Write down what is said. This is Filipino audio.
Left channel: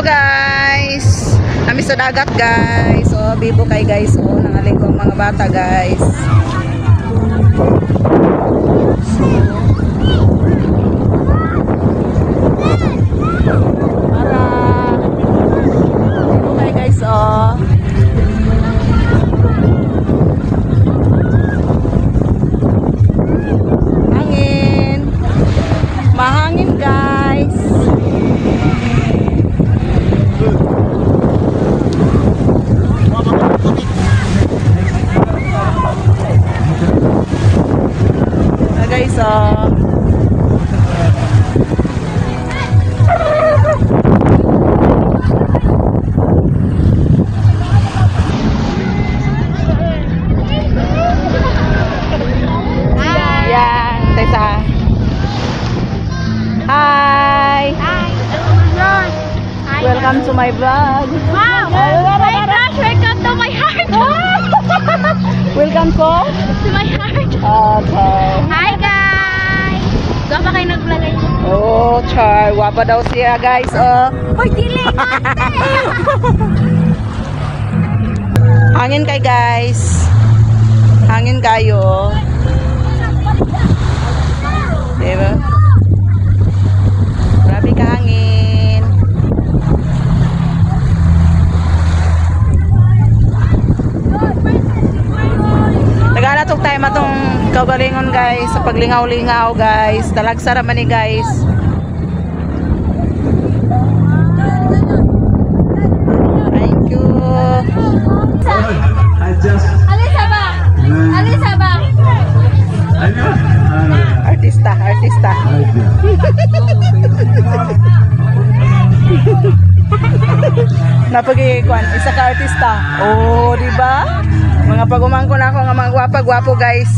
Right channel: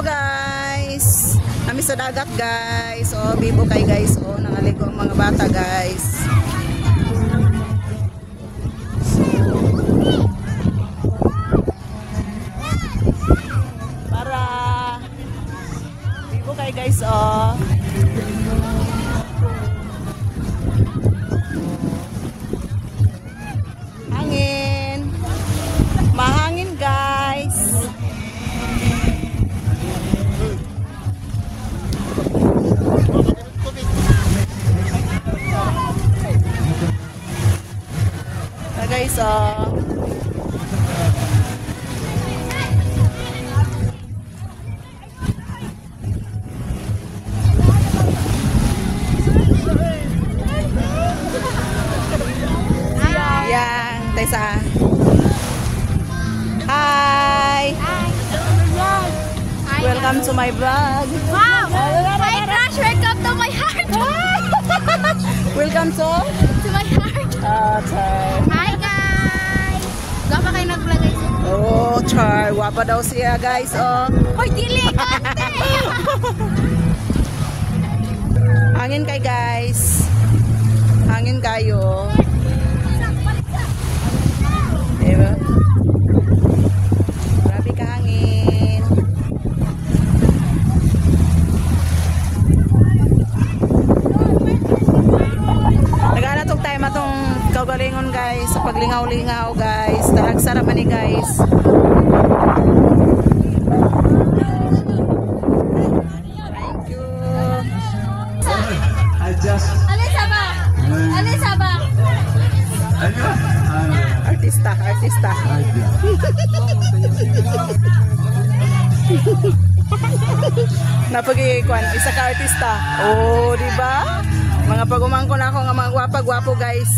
Hello guys! Kami sa dagat guys. So, bibo kay guys. So, nangaligo ang mga bata guys. Bibo kay guys. Oh. Hangin. Mahangin guys. Hi! Welcome to my vlog. Wow! My gosh, welcome to my heart! Welcome to my heart! Char. Hi guys! Doon pa kayo nag-vlog? Oh, Char. Wapa daw siya guys. Oh. Hoy, dili! Hangin kay guys. Hangin kayo. Diba? Grabe ka hangin. Naganatok tayo matong kaugalingon guys sa paglingaw-lingaw guys. Talagsara man ni guys. Thank you. Alisa ba? Alisa ba? Artista, artista. Napagikuan, isa ka artista. Oh, di ba? Mga pagumangko na ako nga mga gwapa-gwapo guys.